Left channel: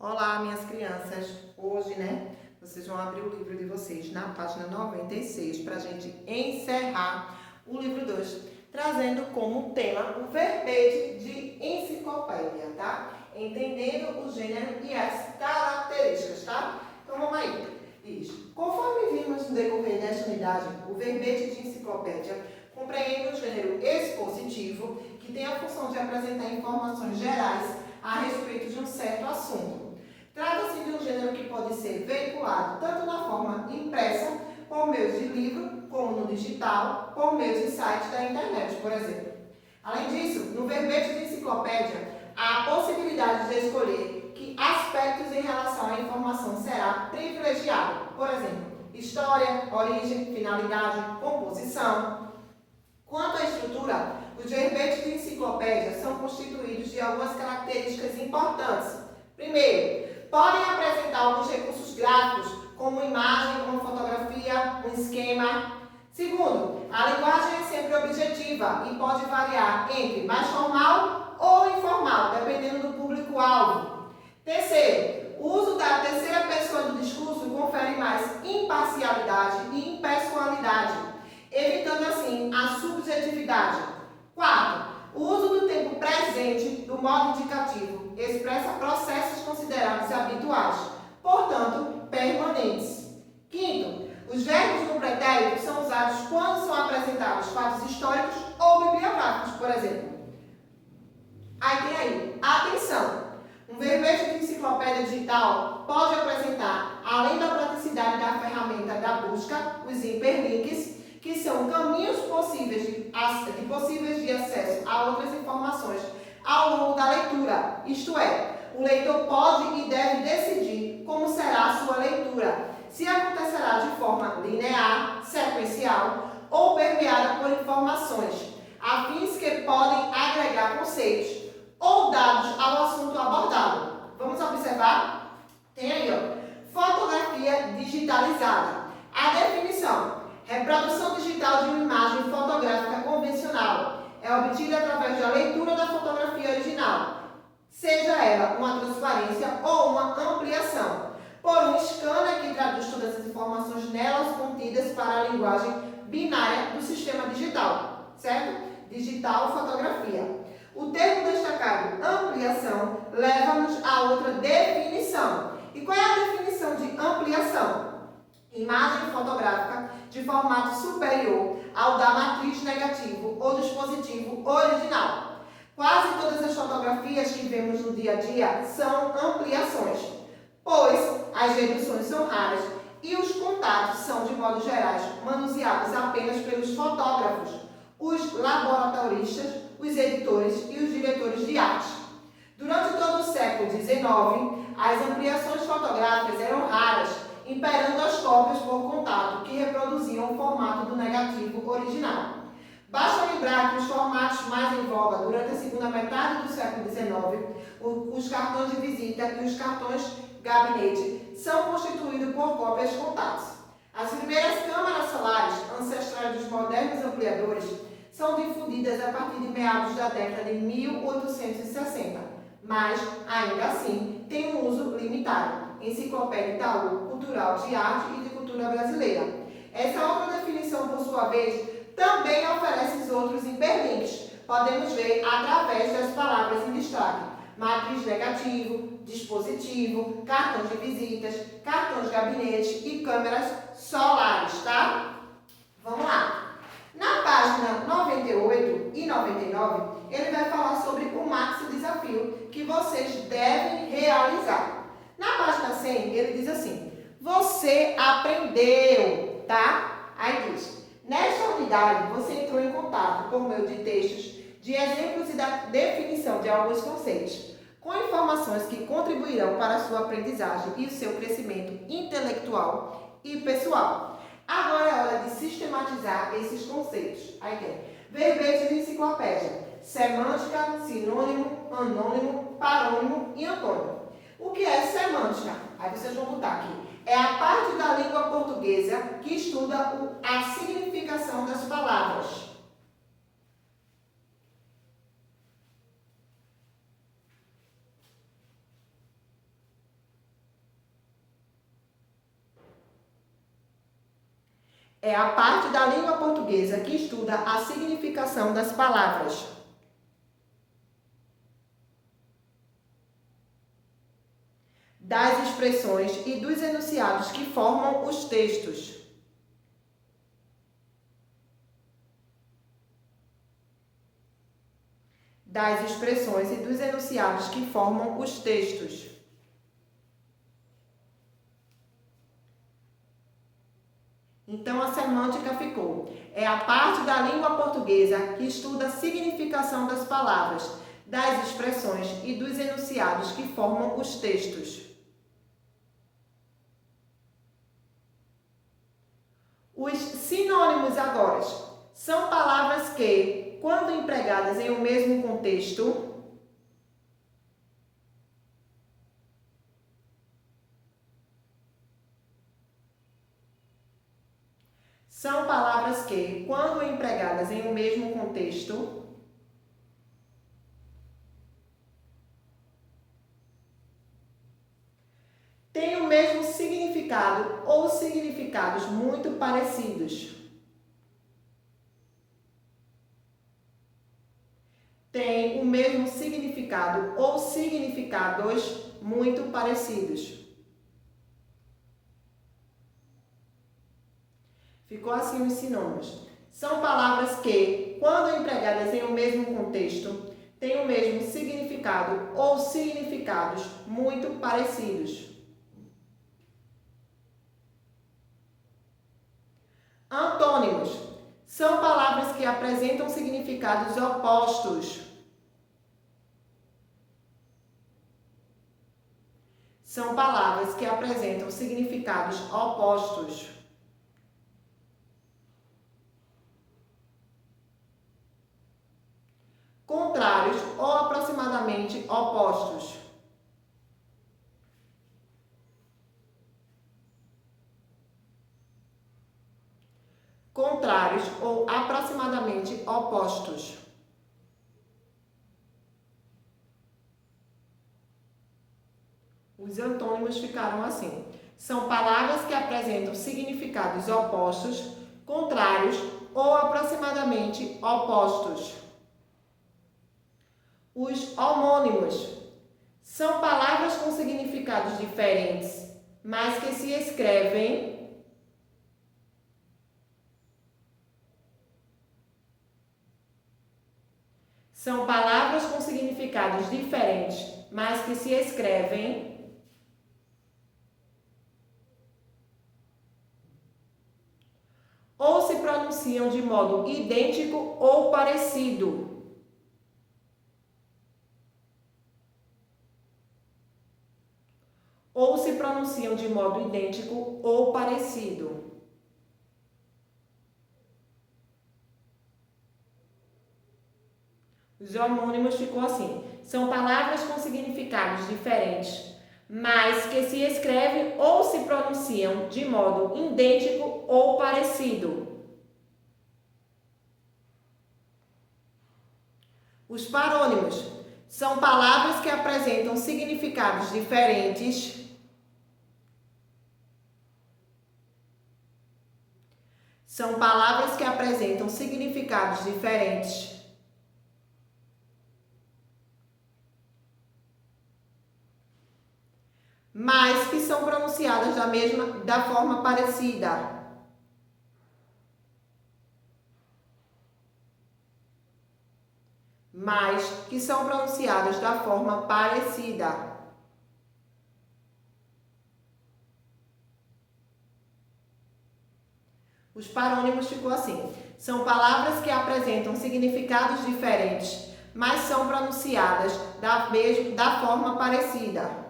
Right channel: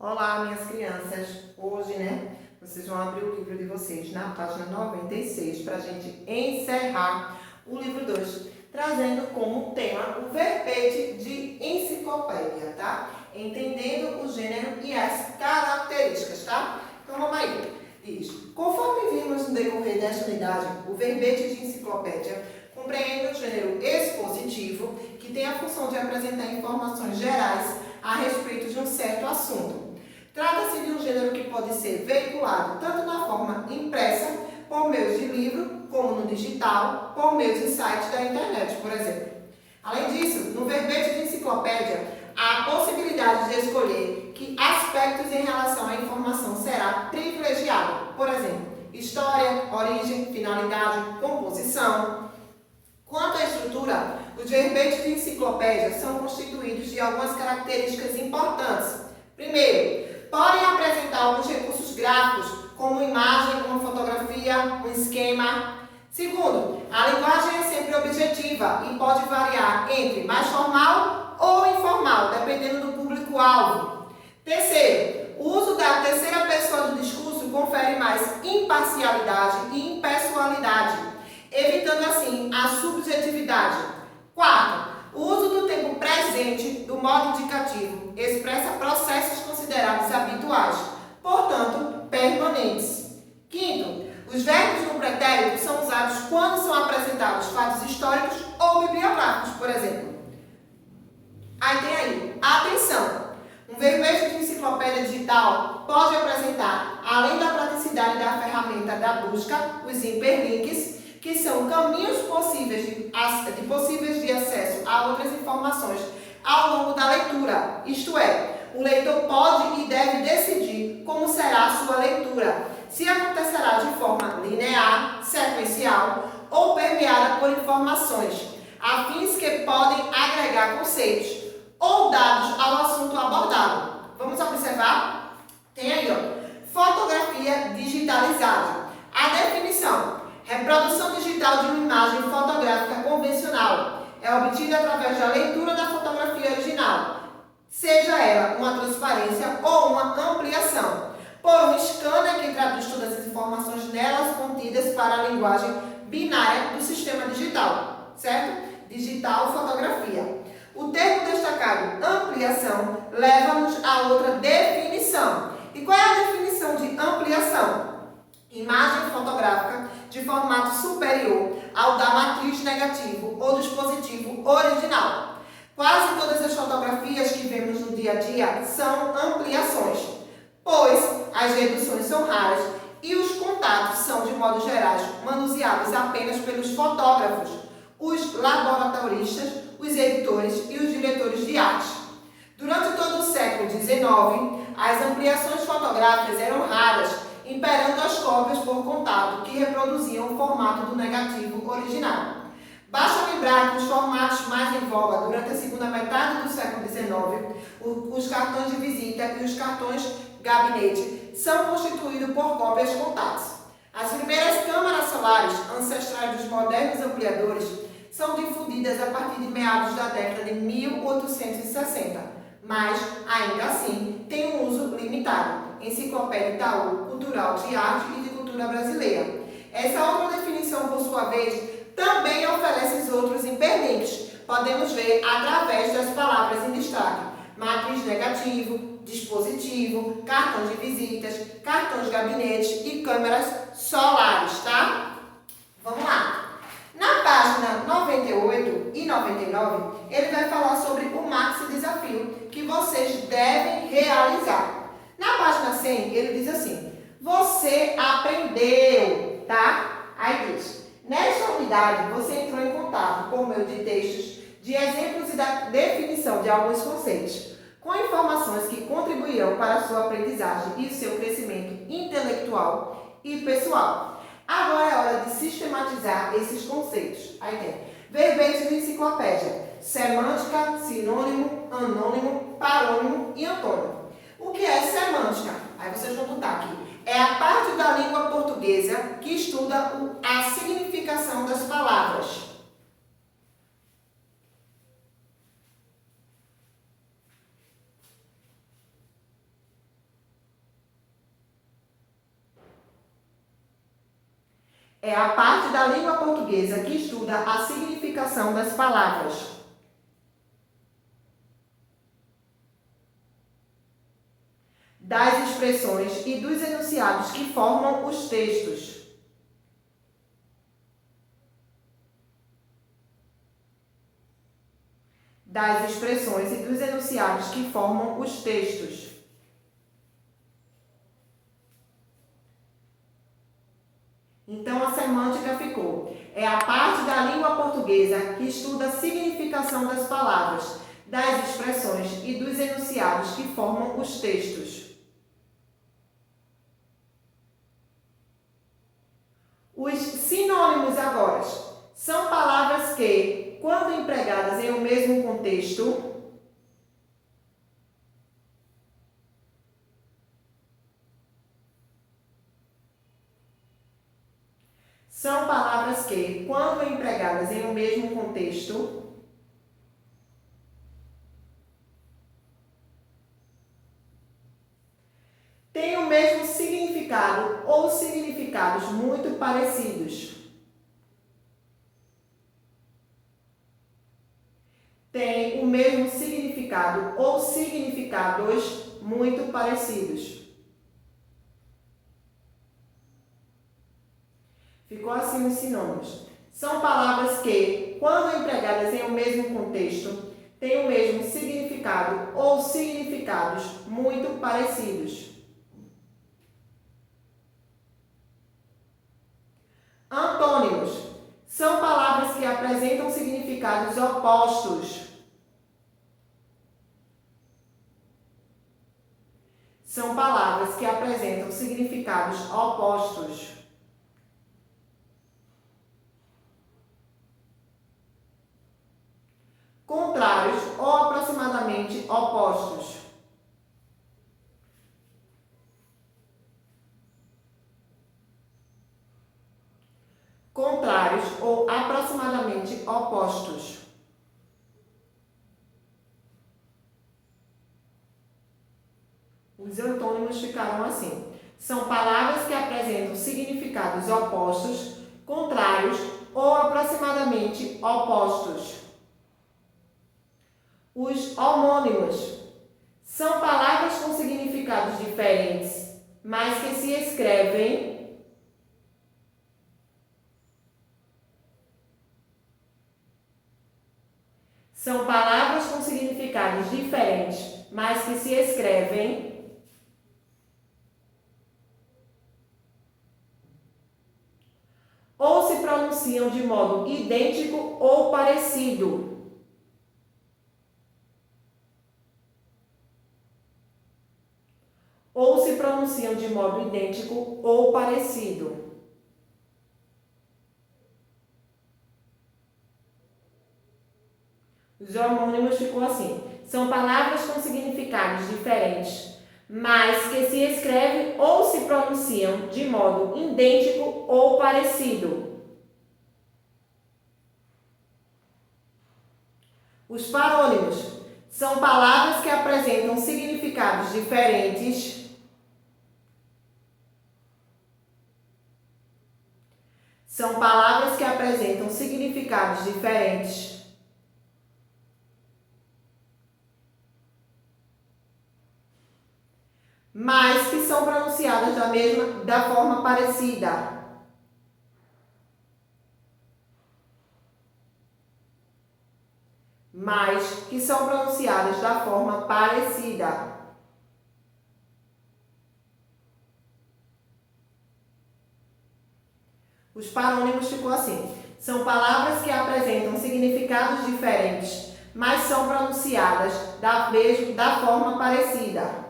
Olá, minhas crianças. Hoje, vocês vão abrir o livro de vocês na página 96 para a gente encerrar o livro 2, trazendo como tema o verbete de enciclopédia, tá? Entendendo o gênero e as características, tá? Então, vamos aí. Diz: conforme vimos no decorrer desta unidade, o verbete de enciclopédia compreende o gênero expositivo, que tem a função de apresentar informações gerais a respeito de um certo assunto. Trata-se de um gênero que pode ser veiculado tanto na forma impressa, por meio de livro, como no digital, por meio de sites da internet, por exemplo. Além disso, no verbete de enciclopédia, há a possibilidade de escolher que aspectos em relação à informação será privilegiado. Por exemplo, história, origem, finalidade, composição. Quanto à estrutura, os verbetes de enciclopédia são constituídos de algumas características importantes. Primeiro, podem apresentar alguns recursos gráficos, como imagem, uma fotografia, um esquema. Segundo, a linguagem é sempre objetiva e pode variar entre mais formal ou informal, dependendo do público-alvo. Terceiro, o uso da terceira pessoa do discurso confere mais imparcialidade e impessoalidade, evitando assim a subjetividade. Quarto, o uso do tempo presente do modo indicativo expressa processos considerados habituais, portanto, permanentes. Quinto, os verbos no pretérito são usados quando são apresentados fatos históricos ou bibliográficos, por exemplo. Aí tem aí, atenção! Um verbete de enciclopédia digital pode apresentar, além da praticidade da ferramenta da busca, os hiperlinks, que são caminhos possíveis de acesso a outras informações ao longo da leitura. Isto é, o leitor pode e deve decidir como será a sua leitura, se acontecerá de forma linear, sequencial ou permeada por informações, afins que podem agregar conceitos ou dados ao assunto abordado. Vamos observar? Tem aí, fotografia digitalizada. A definição: reprodução digital de uma imagem fotográfica convencional é obtida através da leitura da fotografia original, seja ela uma transparência ou uma ampliação, por um scanner que traduz todas as informações nelas contidas para a linguagem binária do sistema digital, certo? Digital fotografia. O termo destacado ampliação leva-nos a outra definição. E qual é a definição de ampliação? Imagem fotográfica de formato superior ao da matriz negativo ou dispositivo original. Quase todas as fotografias que vemos no dia a dia são ampliações, pois as reduções são raras e os contatos são, de modo geral, manuseados apenas pelos fotógrafos, os laboratoristas, os editores e os diretores de arte. Durante todo o século XIX, as ampliações fotográficas eram raras, imperando as cópias por contato, que reproduziam o formato do negativo original. Basta lembrar que os formatos mais em voga durante a segunda metade do século XIX, os cartões de visita e os cartões gabinete, são constituídos por cópias contatos. As primeiras câmaras solares, ancestrais dos modernos ampliadores, são difundidas a partir de meados da década de 1860, mas, ainda assim, têm um uso limitado. Enciclopédia Itaú, Cultural de Arte e de Cultura Brasileira. Essa outra definição, por sua vez, também oferece outros hiperlinks. Podemos ver através das palavras em destaque: matriz negativo, dispositivo, cartões de visitas, cartões de gabinete e câmeras solares, tá? Vamos lá. Na página 98 e 99, ele vai falar sobre o maxi desafio que vocês devem realizar. Na página 100, ele diz assim: você aprendeu, tá? Aí diz: nesta unidade, você entrou em contato por meio de textos, de exemplos e da definição de alguns conceitos, com informações que contribuirão para a sua aprendizagem e o seu crescimento intelectual e pessoal. Agora é hora de sistematizar esses conceitos. Aí tem verbete de enciclopédia: semântica, sinônimo, anônimo, parônimo e antônimo. O que é semântica? Aí vocês vão botar aqui. É a parte da língua portuguesa que estuda a significação das palavras. é a parte da língua portuguesa que estuda a significação das palavras. Das expressões e dos enunciados que formam os textos. Das expressões e dos enunciados que formam os textos. Então, a semântica ficou. É a parte da língua portuguesa que estuda a significação das palavras, das expressões e dos enunciados que formam os textos. Os sinônimos agora são palavras que, quando empregadas em um mesmo contexto, têm o mesmo significado ou significados muito parecidos. Têm o mesmo significado ou significados muito parecidos. Ficou assim os sinônimos. São palavras que, quando empregadas em um mesmo contexto, têm o mesmo significado ou significados muito parecidos. Antônimos são palavras que apresentam significados opostos. São palavras que apresentam significados opostos. Contrários ou aproximadamente opostos. Contrários ou aproximadamente opostos. Os antônimos ficaram assim. São palavras que apresentam significados opostos, contrários ou aproximadamente opostos. Os homônimos são palavras com significados diferentes, mas que se escrevem ou se pronunciam de modo idêntico ou parecido. Ou se pronunciam de modo idêntico ou parecido. Os homônimos ficou assim. São palavras com significados diferentes, mas que se escrevem ou se pronunciam de modo idêntico ou parecido. Os parônimos são palavras que apresentam significados diferentes, mas que são pronunciadas da forma parecida. Mas que são pronunciadas da forma parecida. Os parônimos ficou assim. São palavras que apresentam significados diferentes, mas são pronunciadas da forma parecida.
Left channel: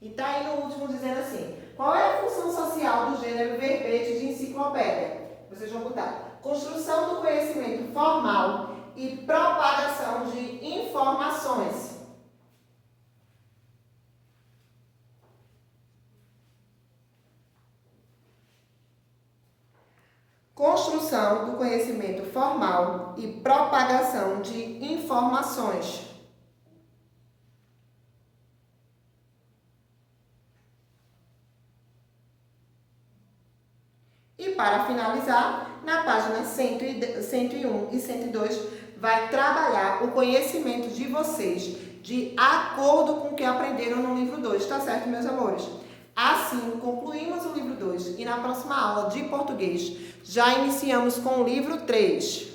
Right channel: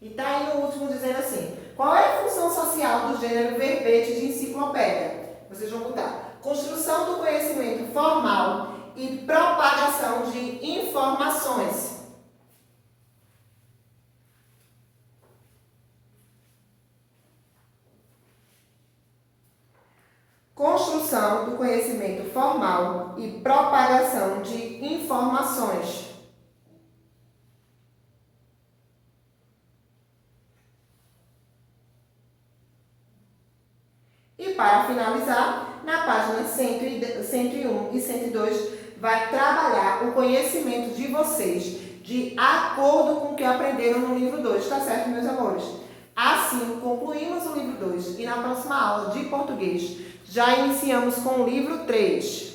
E tá aí no último dizendo assim: qual é a função social do gênero verbete de enciclopédia? Vocês vão botar construção do conhecimento formal e propagação de informações. Construção do conhecimento formal e propagação de informações. E para finalizar, na página 101 e 102, vai trabalhar o conhecimento de vocês de acordo com o que aprenderam no livro 2, tá certo, meus amores? Assim, concluímos o livro 2 e na próxima aula de português já iniciamos com o livro 3.